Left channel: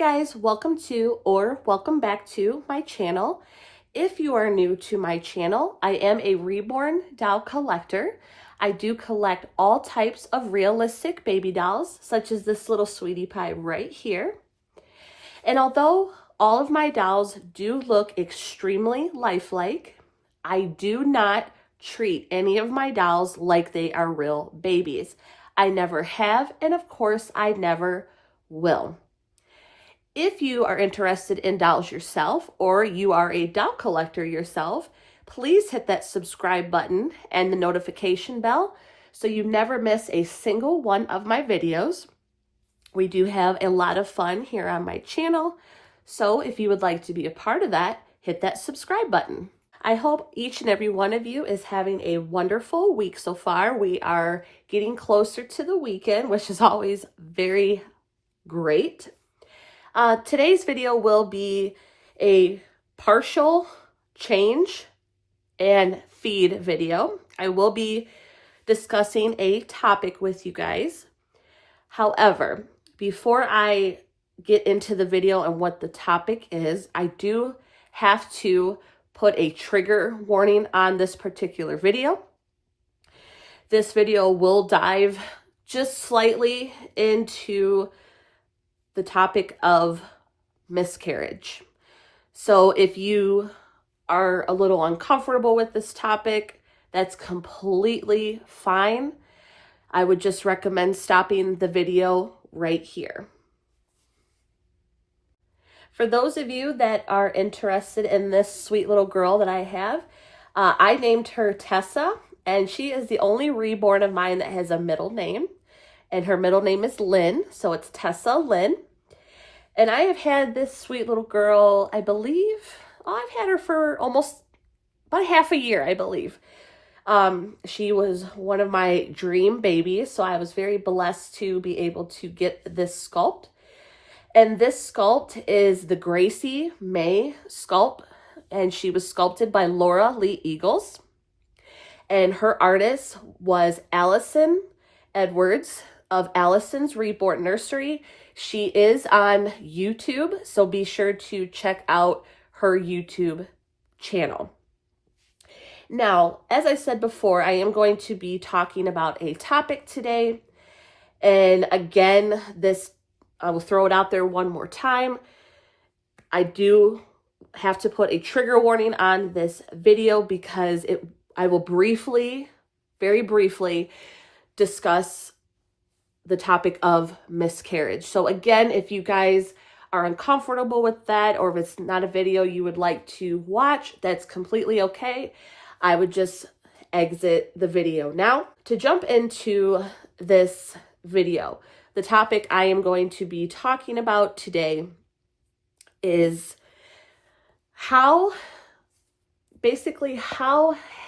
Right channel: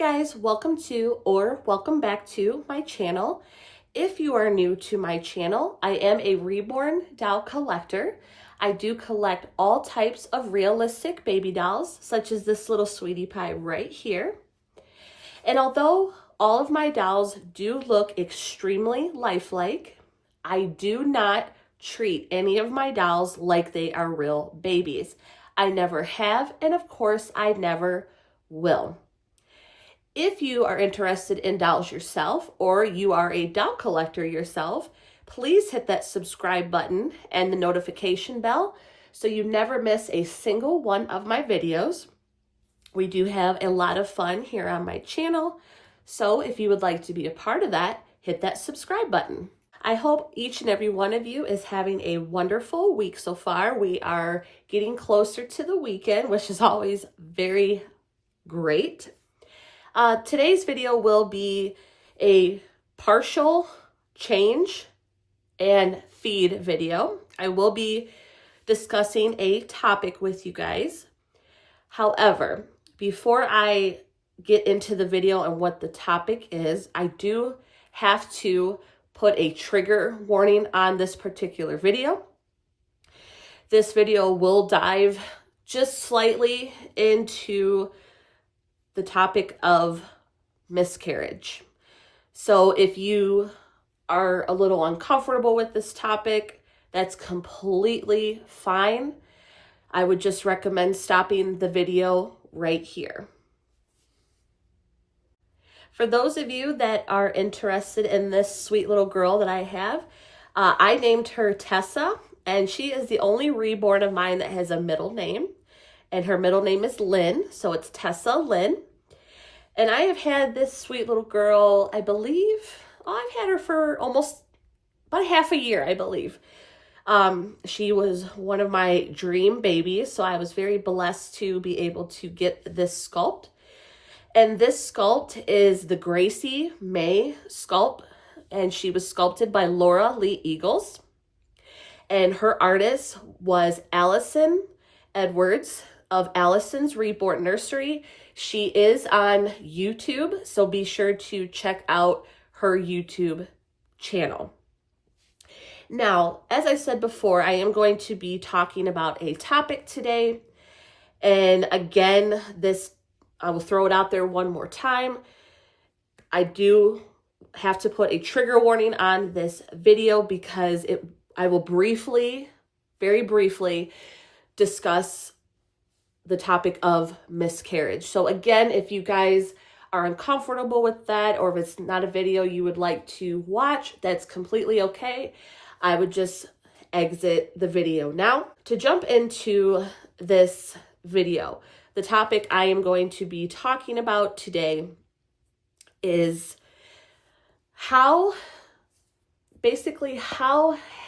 guys, welcome to or welcome back to my channel. If you are new to my channel, I am a reborn doll collector. I do collect all types of realistic baby dolls, such as this little sweetie pie right here. And although all of my dolls do look extremely lifelike, I do not treat any of my dolls like they are real babies. I never have, and of course, I never will. If you are interested in dolls yourself, or you are a doll collector yourself, please hit that subscribe button and the notification bell so you never miss a single one of my videos. We do have a lot of fun here on my channel, so if you would like to be a part of that, hit that subscribe button. I hope each and every one of you is having a wonderful week so far. We are getting closer to the weekend, which is always very great. Today's video will be a partial change and feed video. I will be discussing a topic with you guys. However, before I get into the video and what the topic is, I do have to put a trigger warning on this particular video. This video will dive just slightly into the topic of miscarriage. So if you are a little uncomfortable with this topic, that's completely fine. I would just recommend stopping the video right here. For those of you that are interested in this sweet little girl that I have, I named her Tessa, and she is the only reborn of mine that has a middle name. And her middle name is Lynn, so it's Tessa Lynn. And I have had this sweet little girl, I believe, I've had her for almost about half a year, I believe. She was one of my dream babies, so I was very blessed to be able to get this sculpt. And this sculpt is the Gracie May sculpt, and she was sculpted by Laura Lee Eagles. And her artist was Allison Edwards of Allison's Reborn Nursery. She is on YouTube, so be sure to check out her YouTube channel. Now, as I said before, I am going to be talking about a topic today. And again, I will throw it out there one more time. I do have to put a trigger warning on this video because I will very briefly discuss the topic of miscarriage. So again, if you guys are uncomfortable with that, or if it's not a video you would like to watch, that's completely okay. I would just exit the video. Now, to jump into this video, the topic I am going to be talking about today is how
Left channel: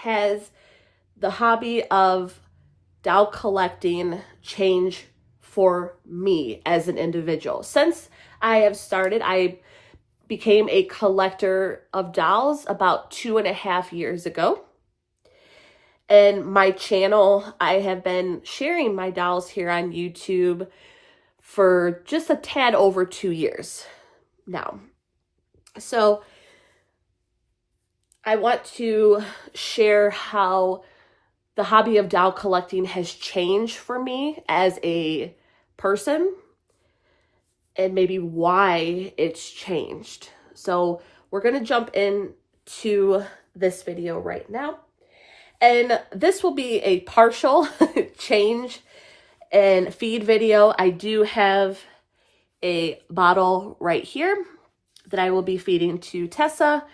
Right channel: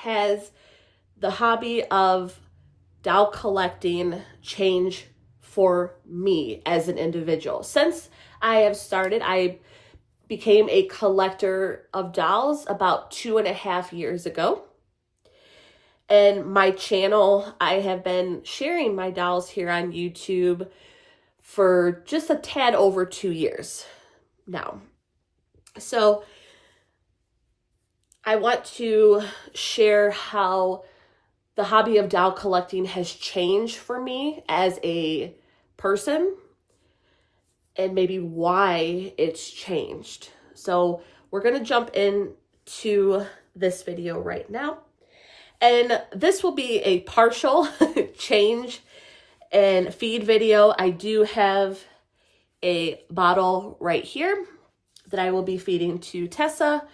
has the hobby of doll collecting changed for me as an individual. Since I have started, I became a collector of dolls about 2.5 years ago. And my channel, I have been sharing my dolls here on YouTube for just a tad over 2 years now. So I want to share how the hobby of doll collecting has changed for me as a person and maybe why it's changed. So we're going to jump into this video right now. And this will be a partial change and feed video. I do have a bottle right here that I will be feeding to Tessa.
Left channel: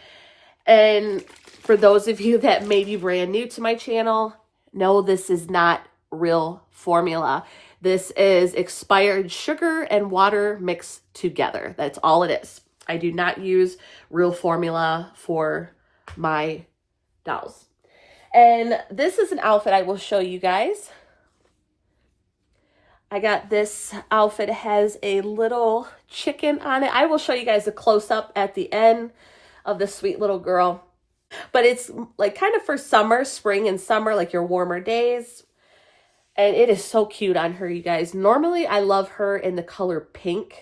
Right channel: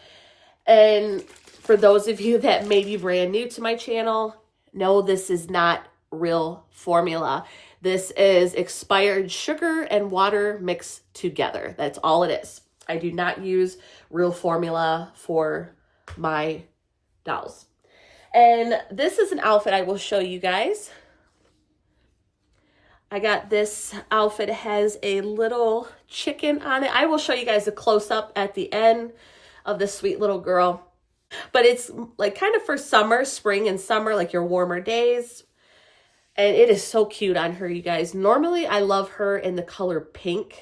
And for those of you that may be brand new to my channel, no, this is not real formula. This is expired sugar and water mixed together. That's all it is. I do not use real formula for my dolls. And this is an outfit I will show you guys. I got this outfit. It has a little chicken on it. I will show you guys a close-up at the end of the sweet little girl. But it's like kind of for summer, spring and summer, like your warmer days. And it is so cute on her, you guys. Normally, I love her in the color pink.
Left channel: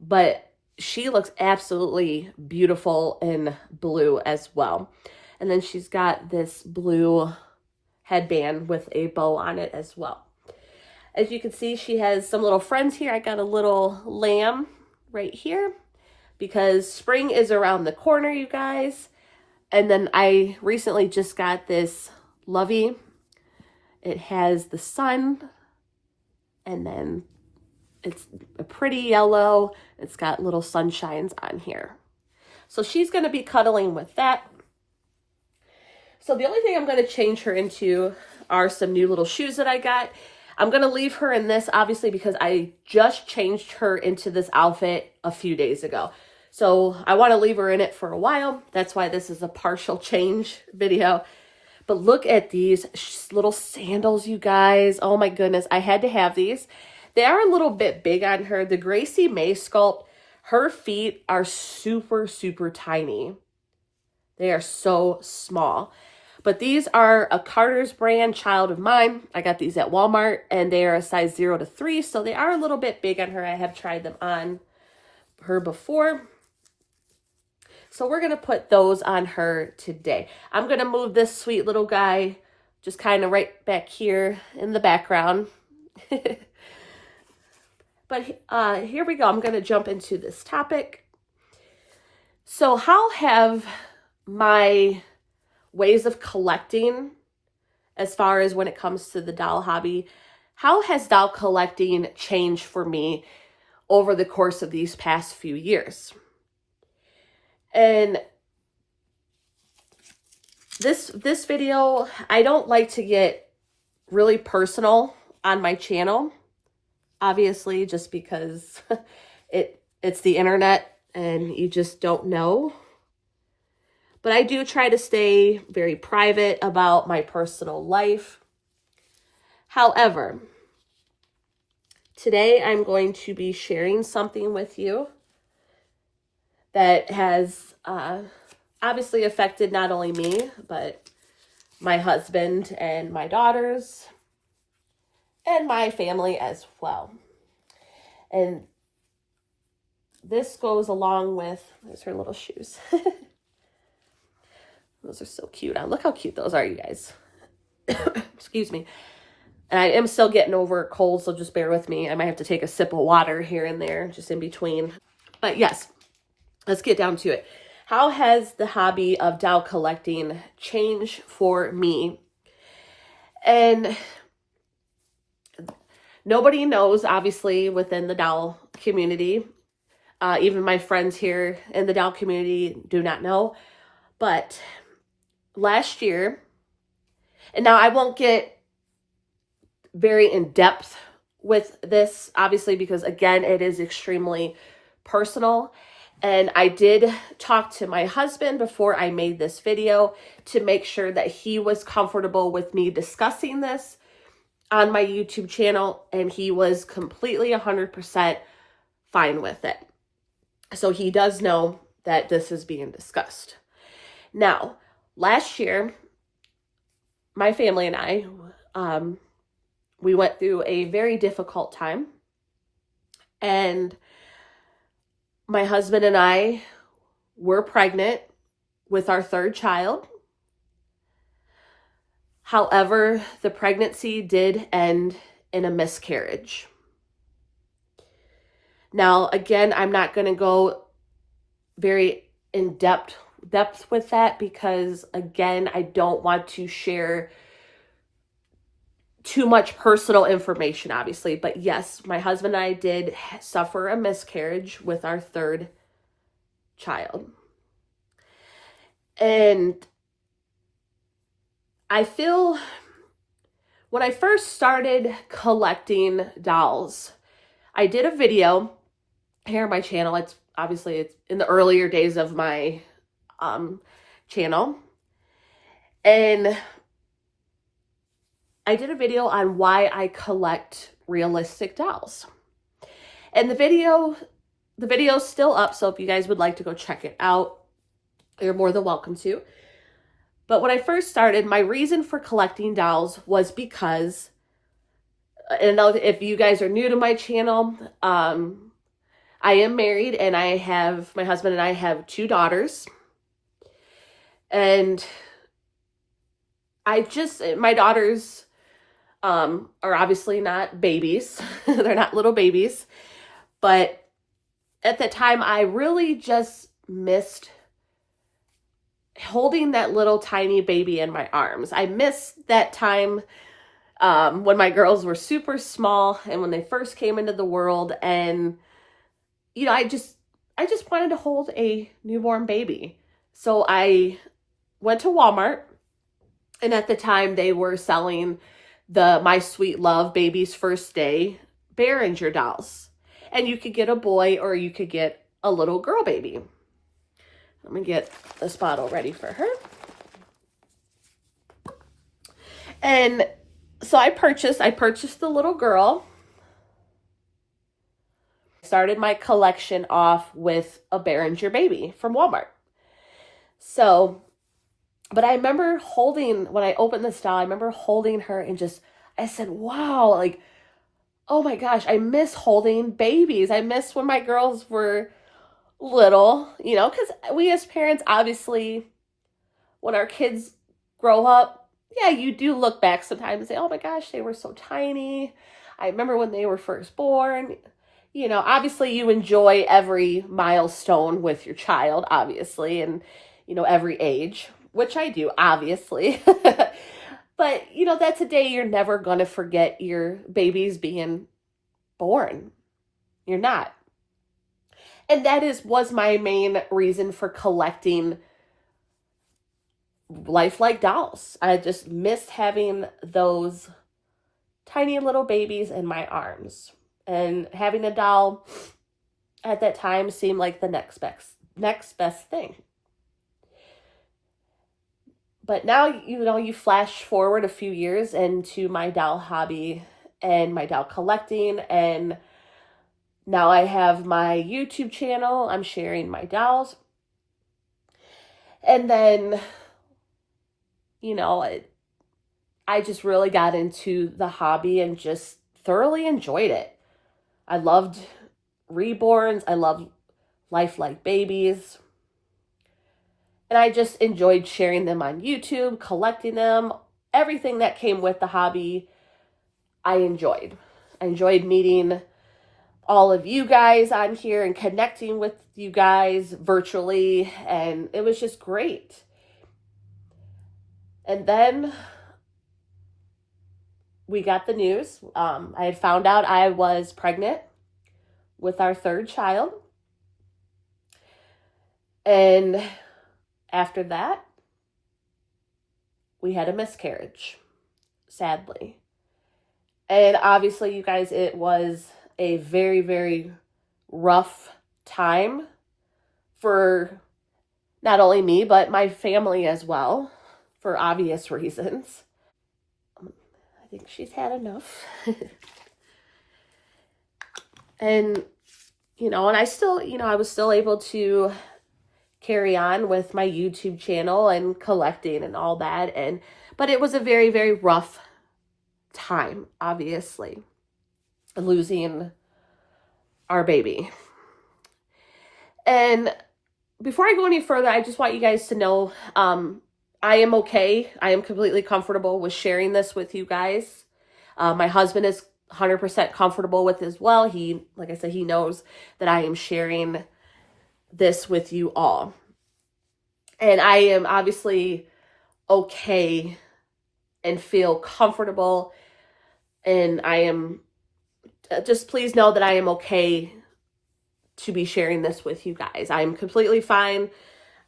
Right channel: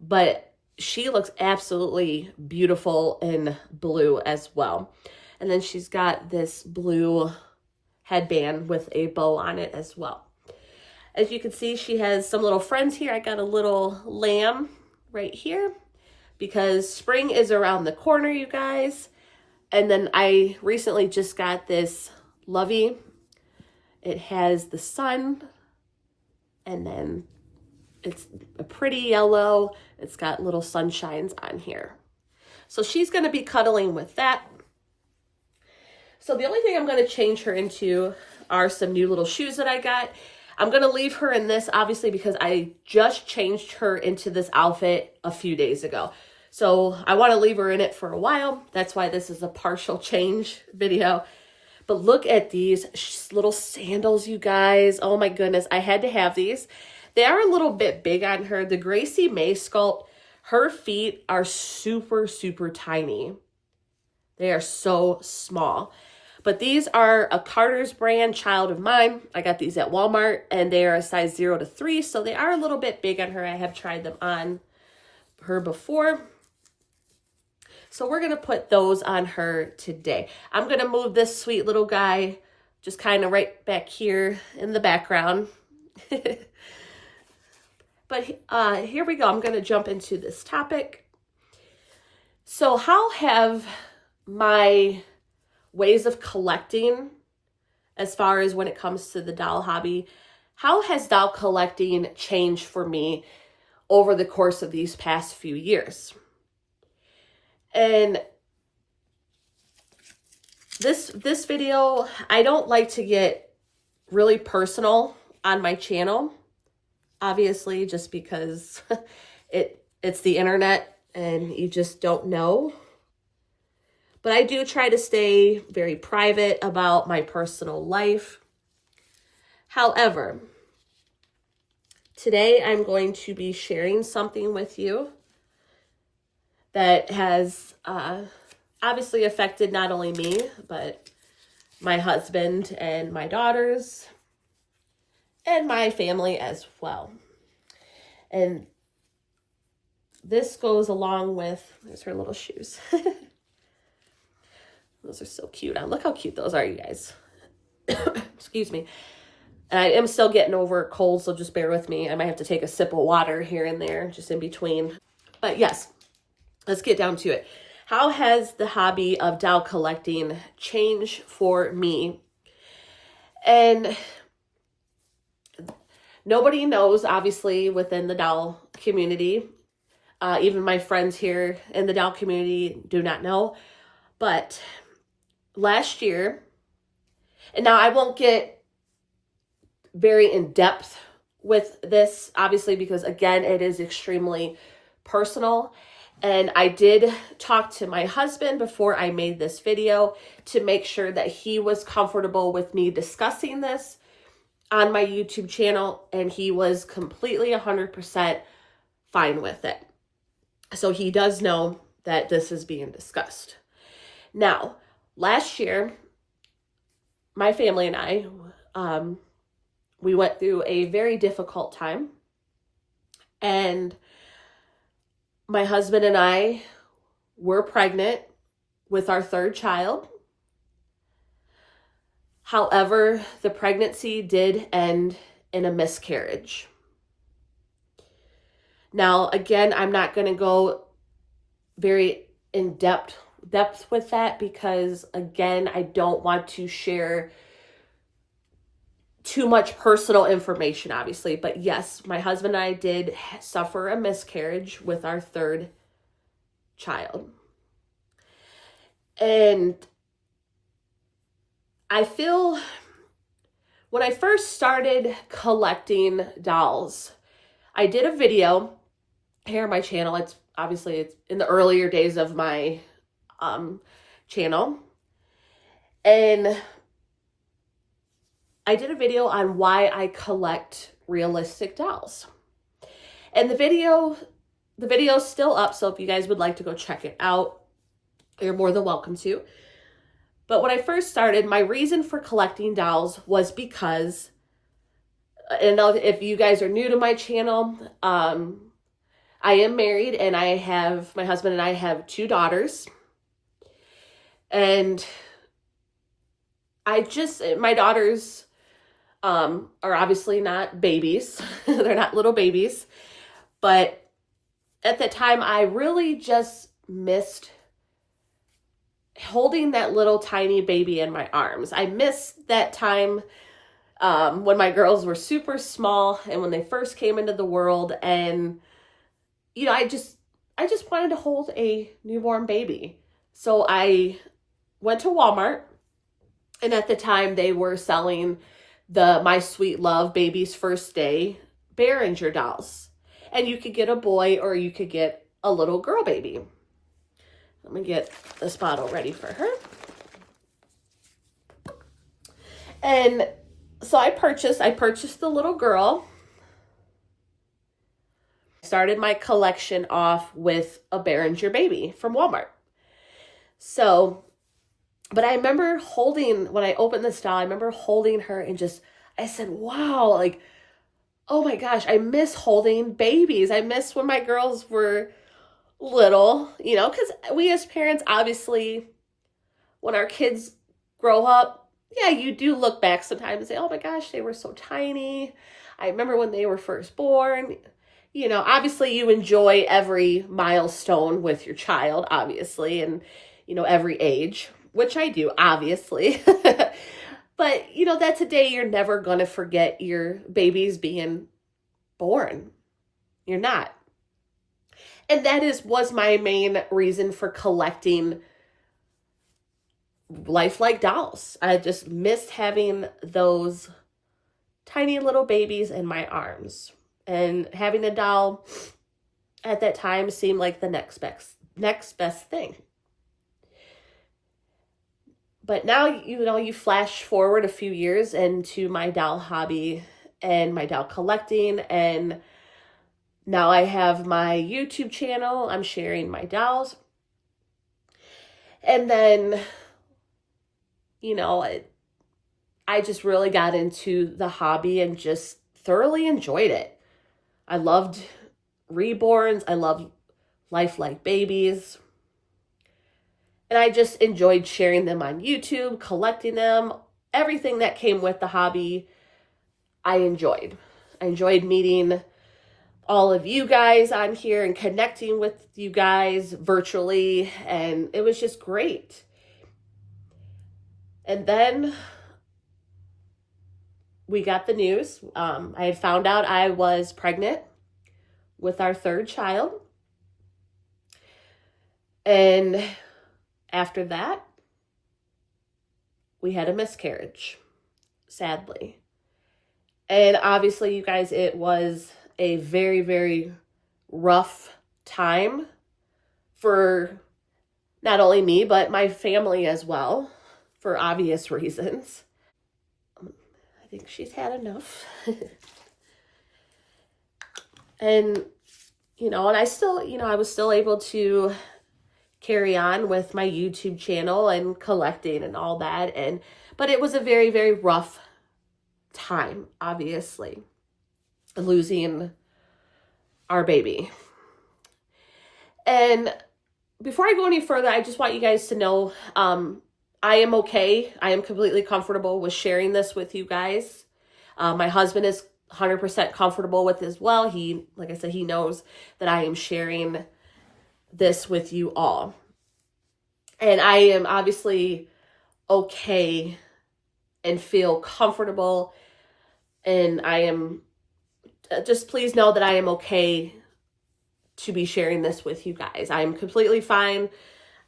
but she looks absolutely beautiful in blue as well. And then she's got this blue headband with a bow on it as well. As you can see, she has some little friends here. I got a little lamb right here because spring is around the corner, you guys. And then I recently just got this Lovey. It has the sun, and then it's a pretty yellow. It's got little sunshines on here. So she's going to be cuddling with that. So the only thing I'm going to change her into are some new little shoes that I got. I'm going to leave her in this, obviously, because I just changed her into this outfit a few days ago. So I want to leave her in it for a while. That's why this is a partial change video. But look at these little sandals, you guys. Oh my goodness, I had to have these. They are a little bit big on her. The Gracie May sculpt, her feet are super, super tiny. They are so small. But these are a Carter's brand, child of mine. I got these at Walmart, and they are a size 0 to 3, so they are a little bit big on her. I have tried them on her before. So we're going to put those on her today. I'm going to move this sweet little guy just kind of right back here in the background. But here we go. I'm going to jump into this topic. So how have my ways of collecting, as far as when it comes to the doll hobby, how has doll collecting changed for me over the course of these past few years? And this video, I don't like to get really personal on my channel, obviously, just because it's the internet and you just don't know. But I do try to stay very private about my personal life. However, today I'm going to be sharing something with you that has obviously affected not only me, but my husband and my daughters and my family as well. And this goes along with, there's her little shoes. Those are so cute. Look how cute those are, you guys. Excuse me. And I am still getting over a cold, so just bear with me. I might have to take a sip of water here and there, just in between. But yes, let's get down to it. How has the hobby of doll collecting changed for me? And nobody knows, obviously, within the doll community. Even my friends here in the doll community do not know. But last year, and now I won't get very in depth with this, obviously, because again, it is extremely personal. And I did talk to my husband before I made this video to make sure that he was comfortable with me discussing this on my YouTube channel, and he was completely 100% fine with it. So he does know that this is being discussed. Now, last year, my family and I, we went through a very difficult time, and my husband and I were pregnant with our third child. However, the pregnancy did end in a miscarriage. Now, again, I'm not going to go very in depth with that because, again, I don't want to share too much personal information, obviously. But yes, my husband and I did suffer a miscarriage with our third child. And I feel when I first started collecting dolls, I did a video here on my channel. It's in the earlier days of my channel. And I did a video on why I collect realistic dolls. And the video is still up, so if you guys would like to go check it out, you're more than welcome to. But when I first started, my reason for collecting dolls was because, and if you guys are new to my channel, I am married, and my husband and I have 2 daughters. And my daughters are obviously not babies. They're not little babies. But at the time, I really just missed holding that little tiny baby in my arms. I missed that time when my girls were super small and when they first came into the world. And, I just wanted to hold a newborn baby. So I went to Walmart, and at the time they were selling the My Sweet Love Baby's First Day Behringer dolls. And you could get a boy or you could get a little girl baby. Let me get this bottle ready for her. And so I purchased the little girl. Started my collection off with a Behringer baby from Walmart. So, but I remember when I opened this doll, I remember holding her and I said, wow, like, oh my gosh, I miss holding babies. I miss when my girls were little, because we as parents, obviously, when our kids grow up, yeah, you do look back sometimes and say, oh my gosh, they were so tiny. I remember when they were first born. Obviously you enjoy every milestone with your child, obviously, and, every age, which I do, obviously. But, that's a day you're never going to forget your babies being born. You're not. And that was my main reason for collecting lifelike dolls. I just missed having those tiny little babies in my arms. And having a doll at that time seemed like the next best thing. But now, you flash forward a few years into my doll hobby and my doll collecting, and now I have my YouTube channel. I'm sharing my dolls. And then, I just really got into the hobby and just thoroughly enjoyed it. I loved reborns. I love lifelike babies. And I just enjoyed sharing them on YouTube, collecting them. Everything that came with the hobby, I enjoyed. I enjoyed meeting all of you guys on here and connecting with you guys virtually. And it was just great. And then we got the news. I had found out I was pregnant with our 3rd child. And after that, we had a miscarriage, sadly. And obviously, you guys, it was a very, very rough time for not only me, but my family as well, for obvious reasons. I think she's had enough. And, and I still, I was still able to carry on with my YouTube channel and collecting and all that. But it was a very, very rough time, obviously, losing our baby. And before I go any further, I just want you guys to know, I am okay. I am completely comfortable with sharing this with you guys. My husband is 100% comfortable with it as well. He, like I said, he knows that I am sharing this with you all. And I am obviously okay and feel comfortable. And I am, just please know that I am okay to be sharing this with you guys. I am completely fine.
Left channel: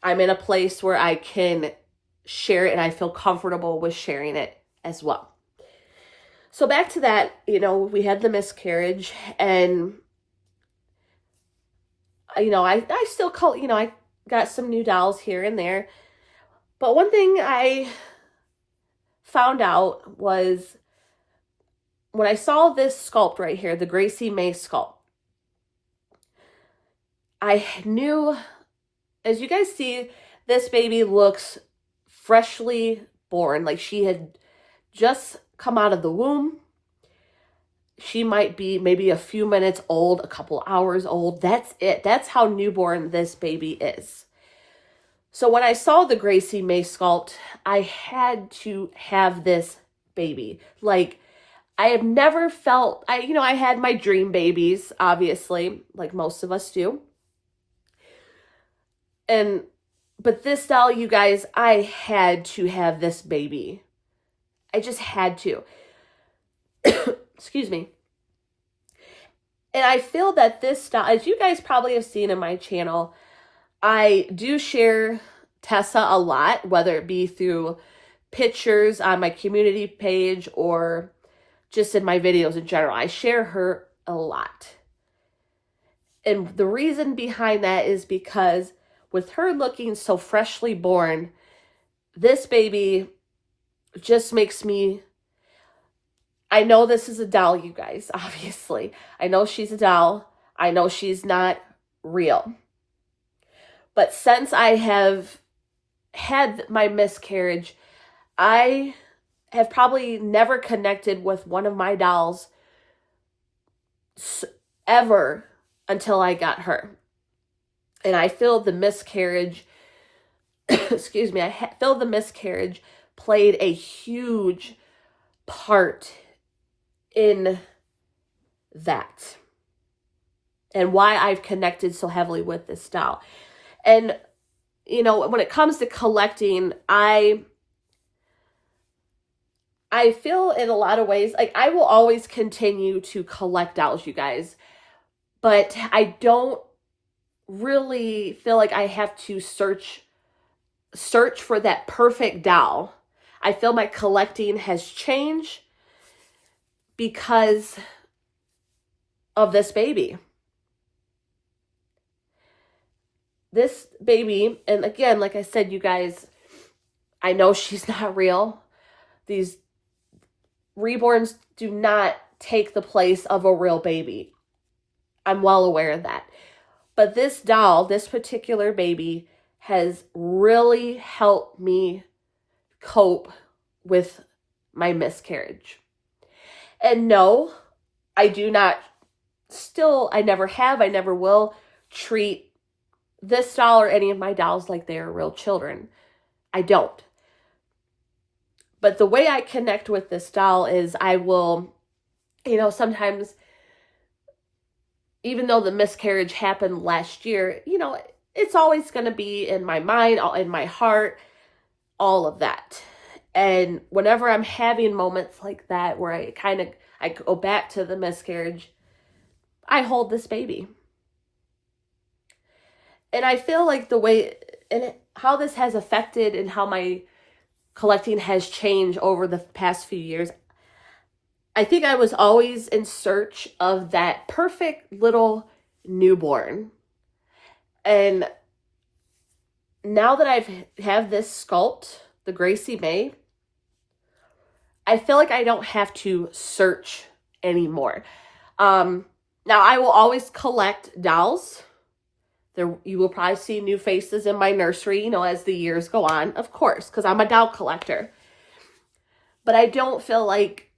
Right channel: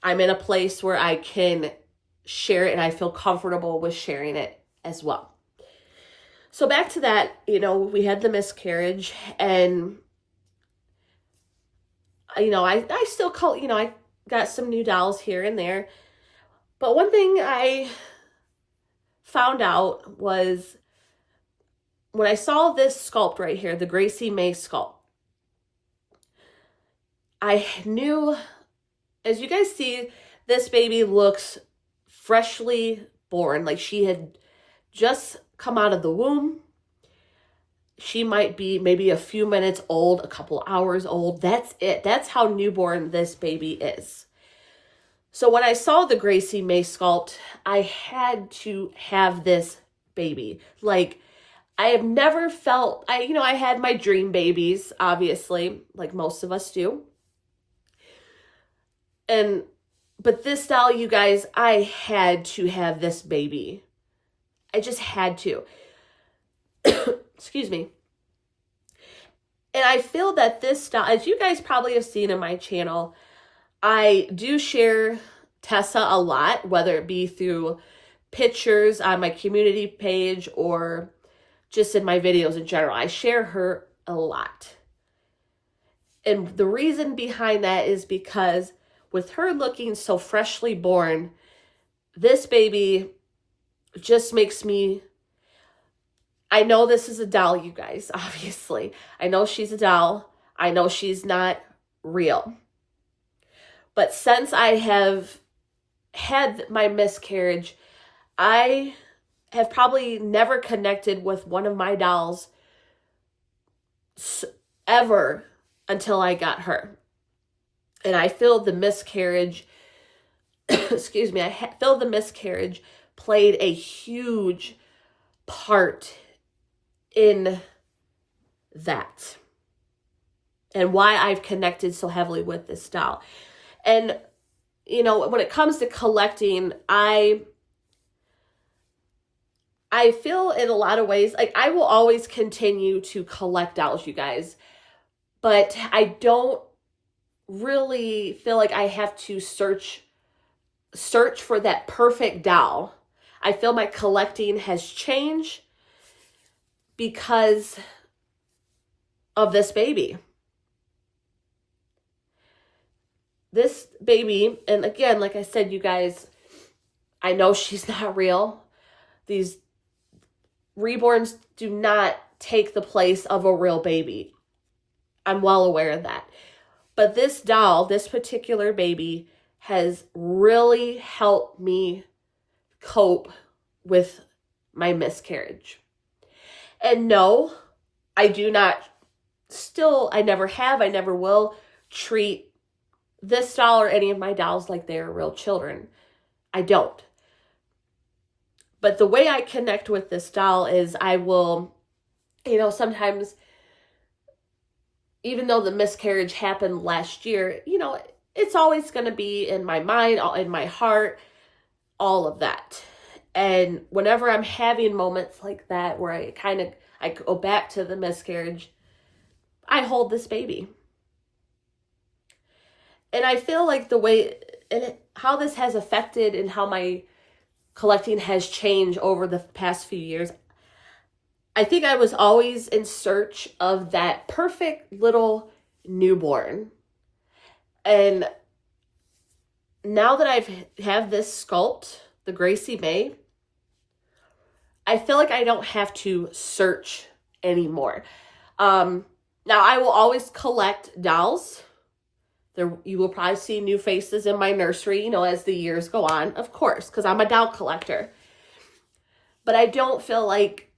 I'm in a place where I can share it and I feel comfortable with sharing it as well. So back to that, we had the miscarriage, and I still call, I got some new dolls here and there. But one thing I found out was when I saw this sculpt right here, the Gracie May sculpt, I knew, as you guys see, this baby looks freshly born, like she had just come out of the womb. she might be maybe a few minutes old, a couple hours old. That's it. That's how newborn this baby is. So when I saw the Gracie May sculpt, I had to have this baby. Like, I have never felt, I had my dream babies, obviously, like most of us do. But this doll, you guys, I had to have this baby. I just had to. Excuse me. And I feel that this doll, as you guys probably have seen in my channel, I do share Tessa a lot, whether it be through pictures on my community page or just in my videos in general. I share her a lot. And the reason behind that is because with her looking so freshly born, this baby just makes me, I know this is a doll, you guys, obviously. I know she's a doll. I know she's not real. But since I have had my miscarriage, I have probably never connected with one of my dolls ever until I got her. And I feel the miscarriage, excuse me, I feel the miscarriage played a huge part in that. And why I've connected so heavily with this doll. And, when it comes to collecting, I feel in a lot of ways, like I will always continue to collect dolls, you guys. But I don't really feel like I have to search for that perfect doll. I feel my collecting has changed because of this baby. This baby, and again, like I said, you guys, I know she's not real. These reborns do not take the place of a real baby. I'm well aware of that. But this doll, this particular baby, has really helped me cope with my miscarriage. And no, I do not I never have, I never will treat this doll or any of my dolls like they are real children. I don't. But the way I connect with this doll is I will, sometimes, even though the miscarriage happened last year, it's always going to be in my mind, in my heart, all of that. And whenever I'm having moments like that where I go back to the miscarriage, I hold this baby. And I feel like the way, and how this has affected and how my collecting has changed over the past few years, I think I was always in search of that perfect little newborn. And now that I have this sculpt, the Gracie May, I feel like I don't have to search anymore. Now I will always collect dolls. You will probably see new faces in my nursery, as the years go on, of course, because I'm a doll collector. But I don't feel like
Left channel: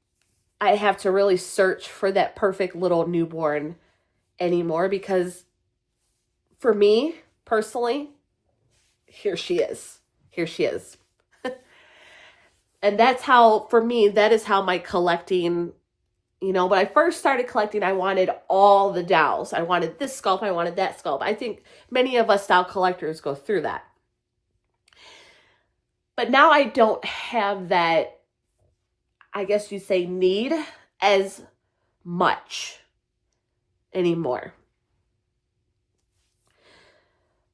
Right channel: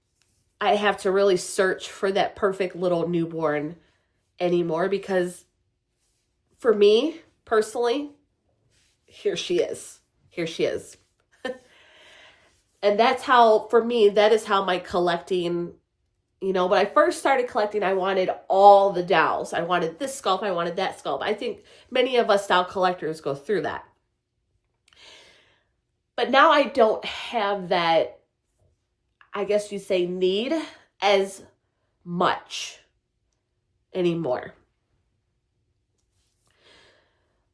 I have to really search for that perfect little newborn anymore, because for me, personally, here she is. Here she is. And that's how, for me, that is how my collecting, when I first started collecting, I wanted all the dolls. I wanted this sculpt, I wanted that sculpt. I think many of us doll collectors go through that. But now I don't have that, I guess you say, need as much anymore.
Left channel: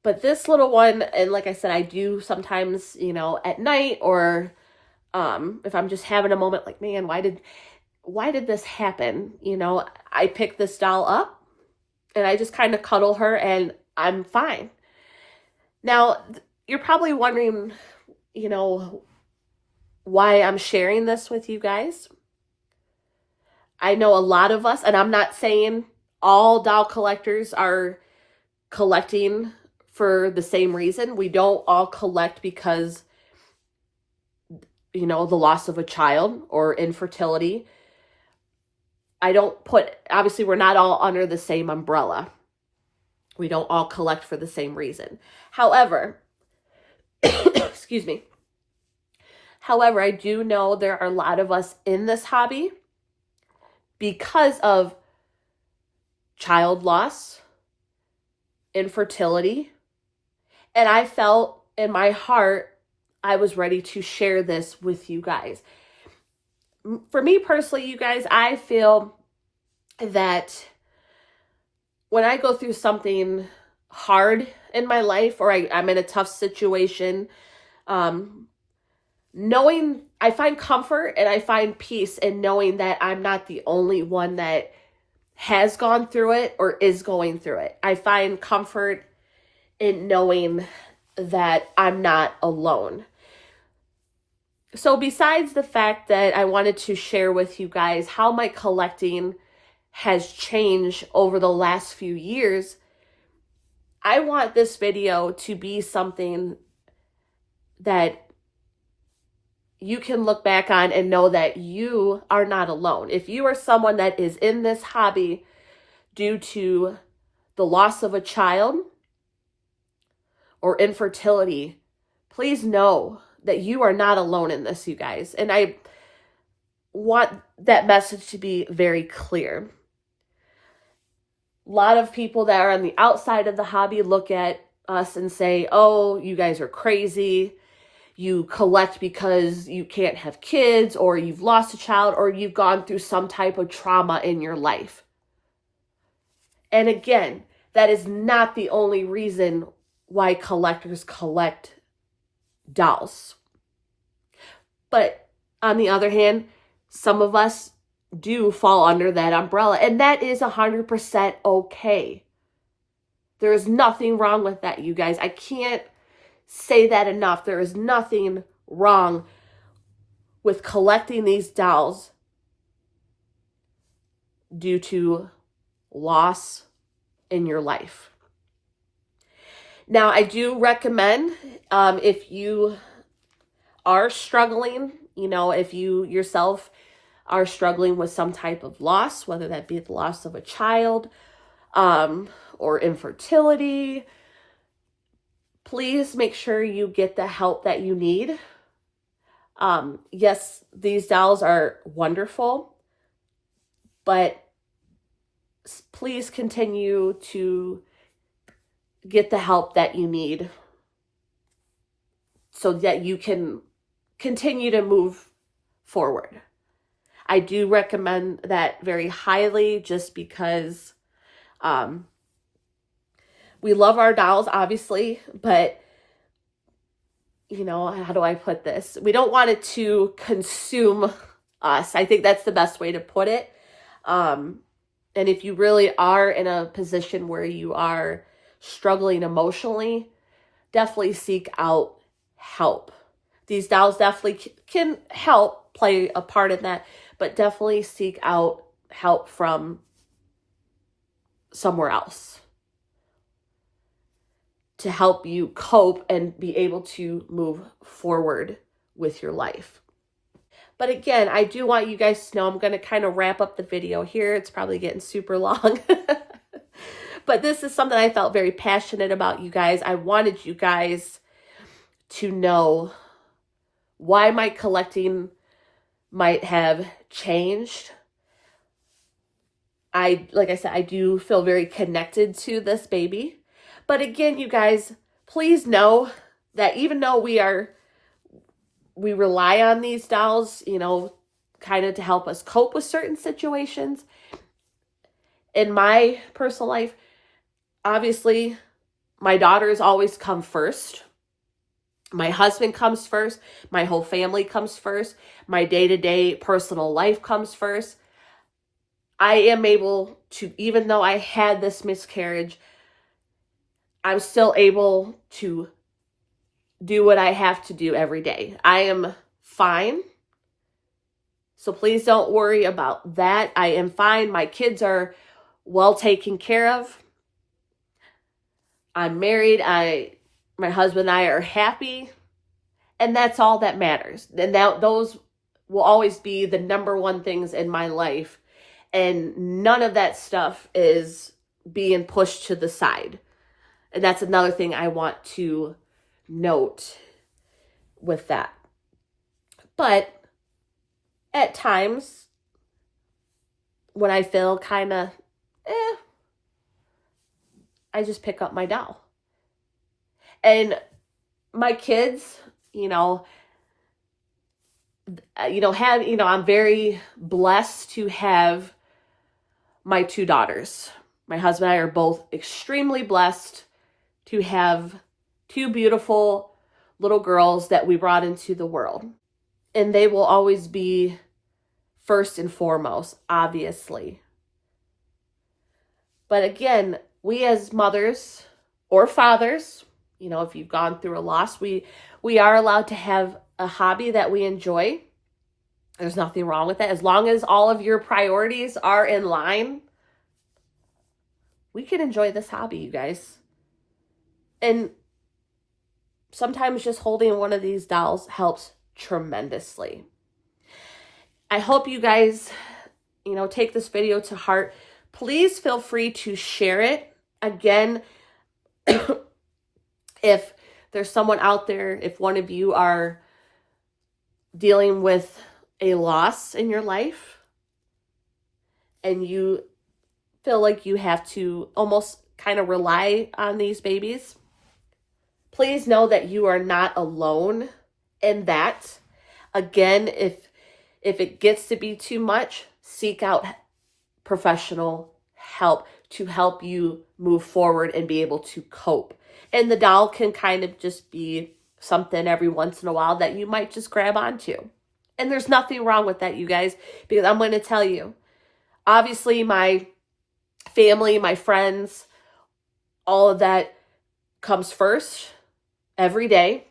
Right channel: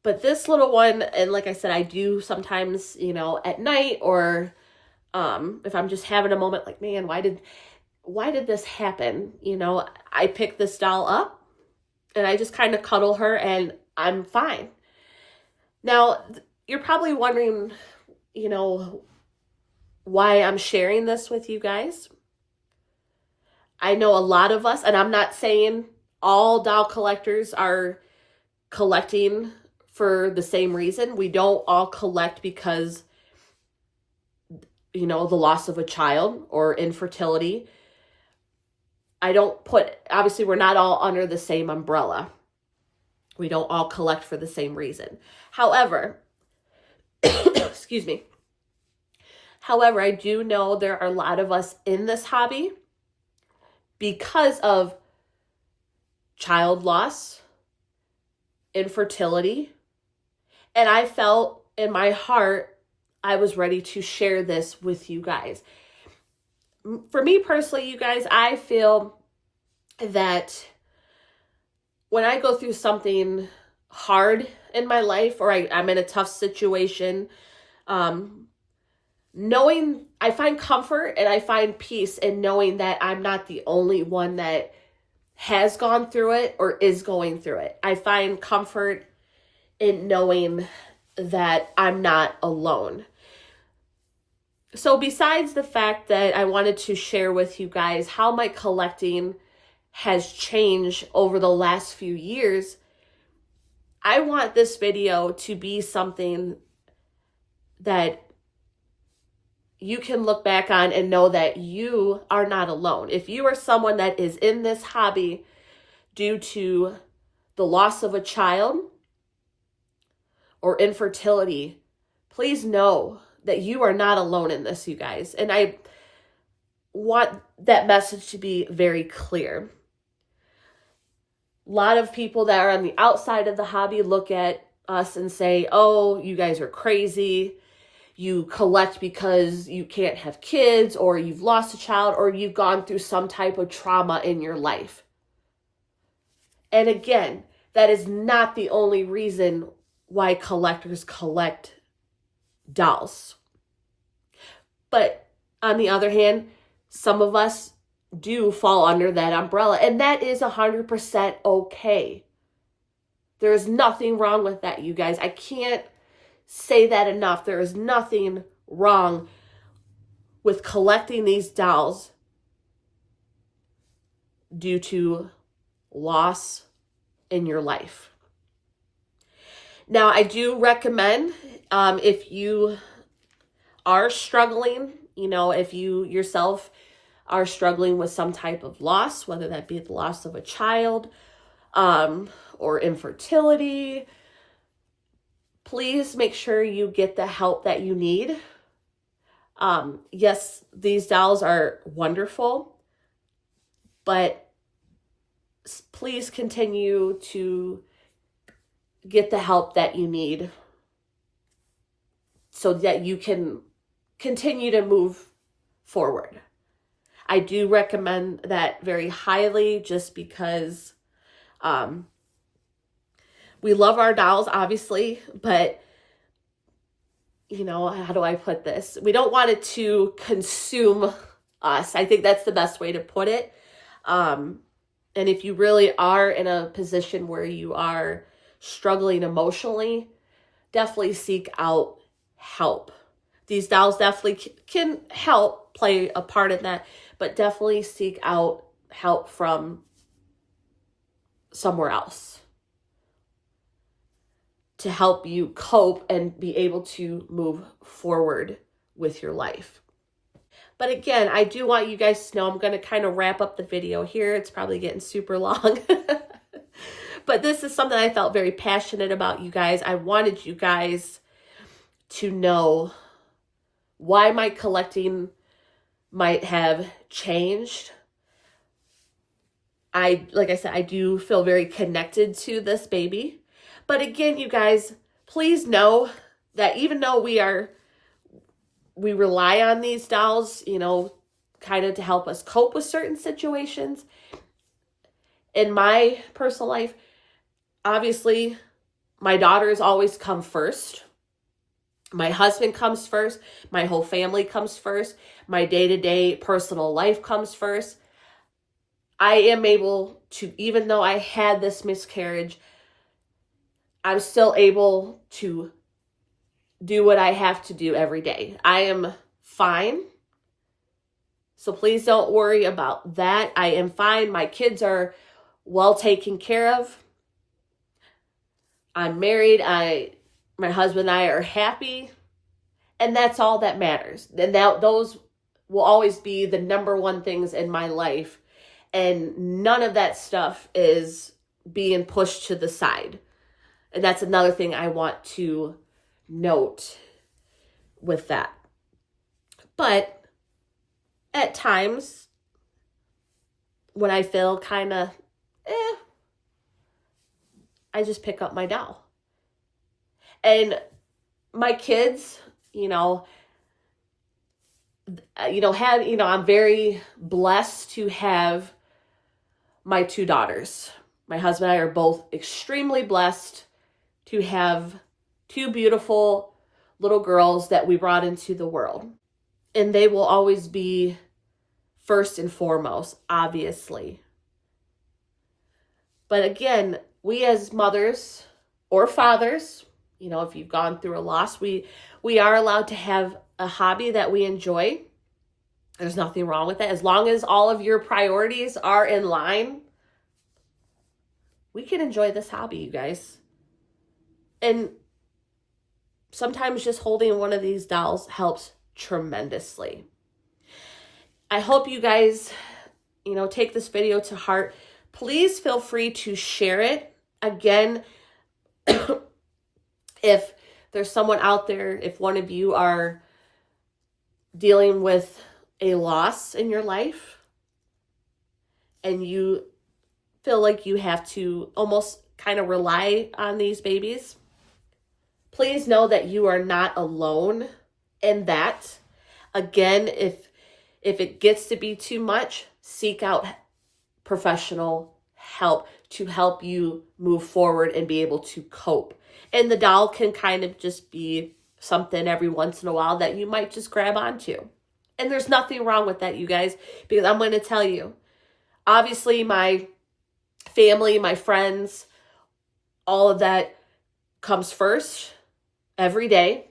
But this little one, and like I said, I do sometimes, at night, or if I'm just having a moment like, man, why did this happen? I pick this doll up and I just kind of cuddle her and I'm fine. Now, you're probably wondering, why I'm sharing this with you guys. I know a lot of us, and I'm not saying all doll collectors are collecting for the same reason. We don't all collect because, the loss of a child or infertility. I don't put, obviously we're not all under the same umbrella. We don't all collect for the same reason. However, excuse me. However, I do know there are a lot of us in this hobby because of child loss, infertility, and I felt in my heart I was ready to share this with you guys. For me personally, you guys, I feel that when I go through something hard in my life, or I'm in a tough situation, knowing, I find comfort and I find peace in knowing that I'm not the only one that has gone through it or is going through it. I find comfort in knowing that I'm not alone. So besides the fact that I wanted to share with you guys how my collecting has changed over the last few years, I want this video to be something that you can look back on and know that you are not alone. If you are someone that is in this hobby due to the loss of a child or infertility, please know that you are not alone in this, you guys. And I want that message to be very clear. A lot of people that are on the outside of the hobby look at us and say, oh, you guys are crazy. You collect because you can't have kids, or you've lost a child, or you've gone through some type of trauma in your life. And again, that is not the only reason why collectors collect dolls. But on the other hand, some of us do fall under that umbrella, and that is 100% okay. There is nothing wrong with that, you guys. I can't say that enough. There is nothing wrong with collecting these dolls due to loss in your life. Now, I do recommend, if you are struggling, if you yourself are struggling with some type of loss, whether that be the loss of a child, or infertility, please make sure you get the help that you need. Yes, these dolls are wonderful, but please continue to get the help that you need so that you can continue to move forward. I do recommend that very highly, just because we love our dolls, obviously, but how do I put this? We don't want it to consume us. I think that's the best way to put it. And if you really are in a position where you are struggling emotionally, definitely seek out help. These dolls definitely can help play a part in that, but definitely seek out help from somewhere else to help you cope and be able to move forward with your life. But again, I do want you guys to know I'm going to kind of wrap up the video here. It's probably getting super long. But this is something I felt very passionate about, you guys. I wanted you guys to know why my collecting might have changed. Like I said, I do feel very connected to this baby. But again, you guys, please know that even though we rely on these dolls, kind of to help us cope with certain situations, in my personal life, obviously, my daughters always come first. My husband comes first. My whole family comes first. My day-to-day personal life comes first. I am able to, even though I had this miscarriage, I'm still able to do what I have to do every day. I am fine. So please don't worry about that. I am fine. My kids are well taken care of. I'm married. My husband and I are happy. And that's all that matters. And those will always be the number one things in my life And none of that stuff is being pushed to the side. And that's another thing I want to note with that. But at times, when I feel kind of, I just pick up my doll. And my kids, I'm very blessed to have my two daughters. My husband and I are both extremely blessed to have two beautiful little girls that we brought into the world. And they will always be first and foremost, obviously. But again, we as mothers or fathers, if you've gone through a loss, we are allowed to have a hobby that we enjoy. There's nothing wrong with that. As long as all of your priorities are in line, we can enjoy this hobby, you guys. And sometimes just holding one of these dolls helps tremendously. I hope you guys, take this video to heart. Please feel free to share it. Again, if there's someone out there, if one of you are dealing with a loss in your life and you feel like you have to almost kind of rely on these babies, please know that you are not alone in that. Again, if it gets to be too much, seek out professional help to help you move forward and be able to cope. And the doll can kind of just be something every once in a while that you might just grab onto. And there's nothing wrong with that, you guys, because I'm going to tell you, obviously my family, my friends, all of that comes first every day.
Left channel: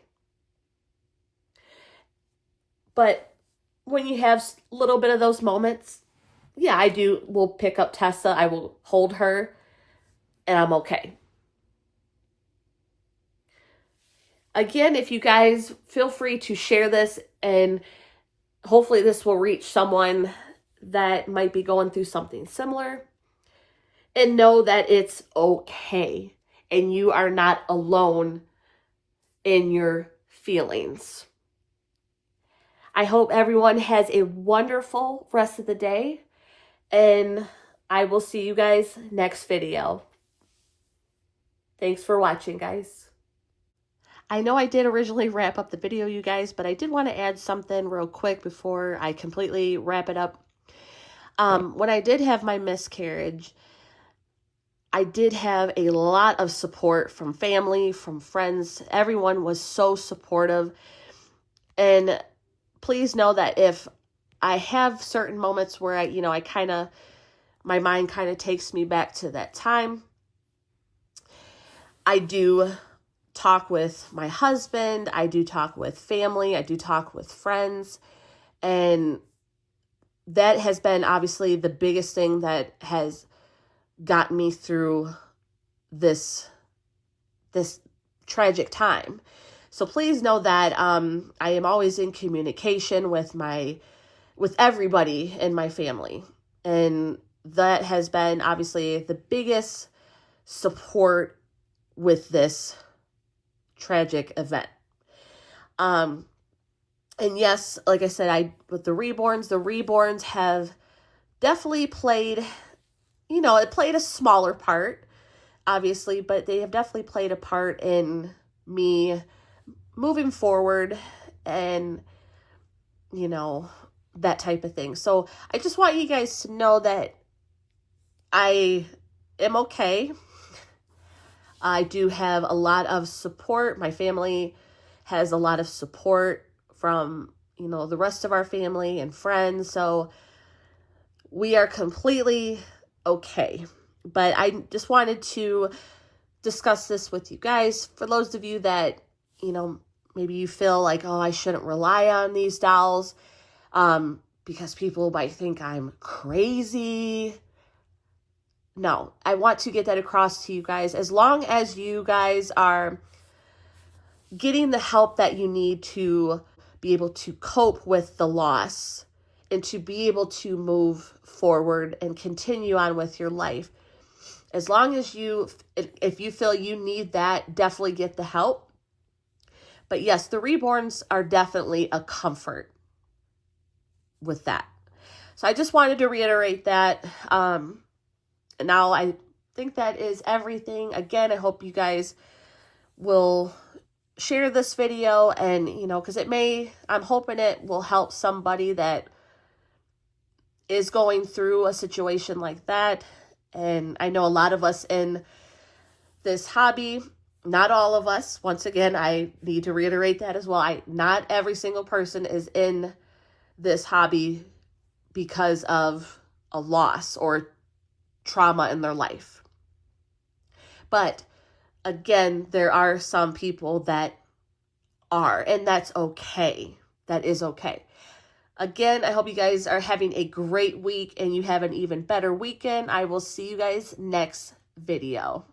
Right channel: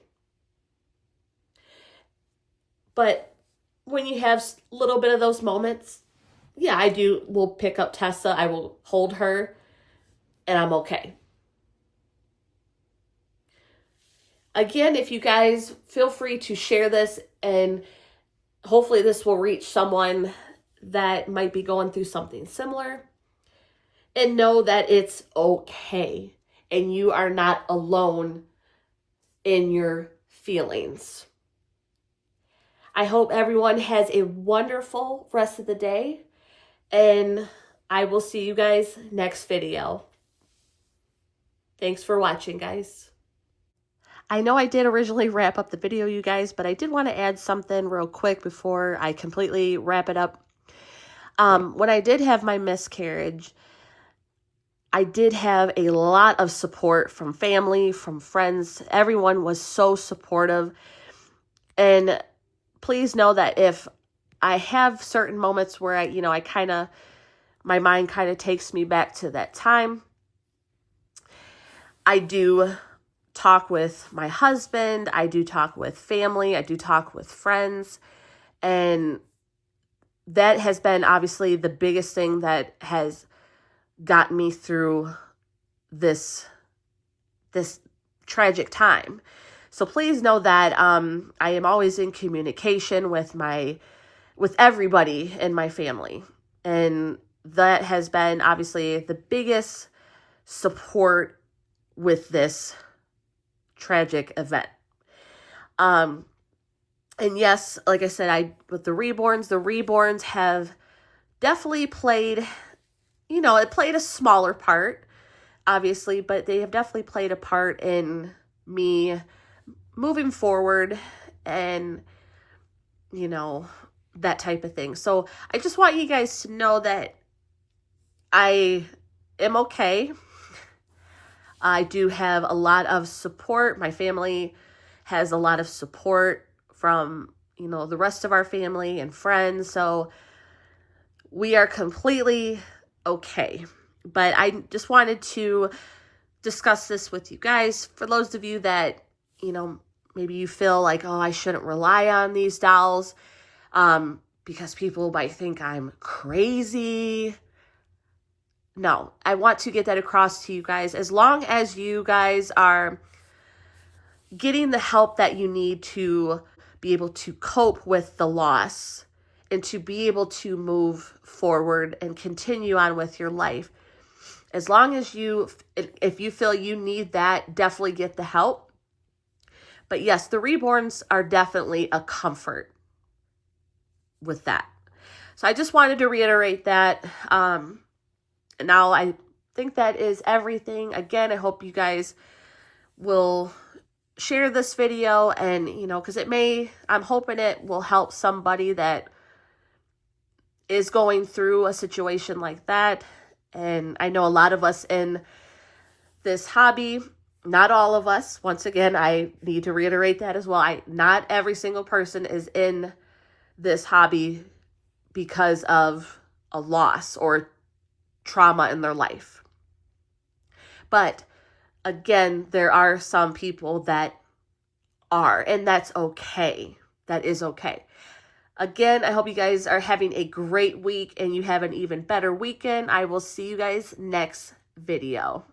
But when you have a little bit of those moments, yeah, will pick up Tessa, I will hold her, and I'm okay. Again, if you guys feel free to share this, and hopefully this will reach someone that might be going through something similar, and know that it's okay and you are not alone in your feelings. I hope everyone has a wonderful rest of the day, and I will see you guys next video. Thanks for watching, guys. I know I did originally wrap up the video, you guys, but I did want to add something real quick before I completely wrap it up. When I did have my miscarriage, I did have a lot of support from family, from friends. Everyone was so supportive. And please know that if I have certain moments where my mind kind of takes me back to that time, I do talk with my husband, I do talk with family, I do talk with friends, and that has been obviously the biggest thing that has gotten me through this tragic time. So please know that I am always in communication with everybody in my family, and that has been obviously the biggest support with this tragic event. And yes, like I said, with the reborns have definitely played, it played a smaller part, obviously, but they have definitely played a part in me moving forward and, that type of thing. So I just want you guys to know that I am okay. I do have a lot of support. My family has a lot of support from, the rest of our family and friends. So we are completely okay. But I just wanted to discuss this with you guys. For those of you that, maybe you feel like, oh, I shouldn't rely on these dolls because people might think I'm crazy. No, I want to get that across to you guys. As long as you guys are getting the help that you need to be able to cope with the loss and to be able to move forward and continue on with your life. As long as if you feel you need that, definitely get the help. But yes, the reborns are definitely a comfort with that. So I just wanted to reiterate that. Now I think that is everything. Again, I hope you guys will share this video, and, because I'm hoping it will help somebody that is going through a situation like that. And I know a lot of us in this hobby, not all of us, once again, I need to reiterate that as well. Not every single person is in this hobby because of a loss or trauma in their life. But again, there are some people that are, and that's okay. That is okay. Again, I hope you guys are having a great week and you have an even better weekend. I will see you guys next video.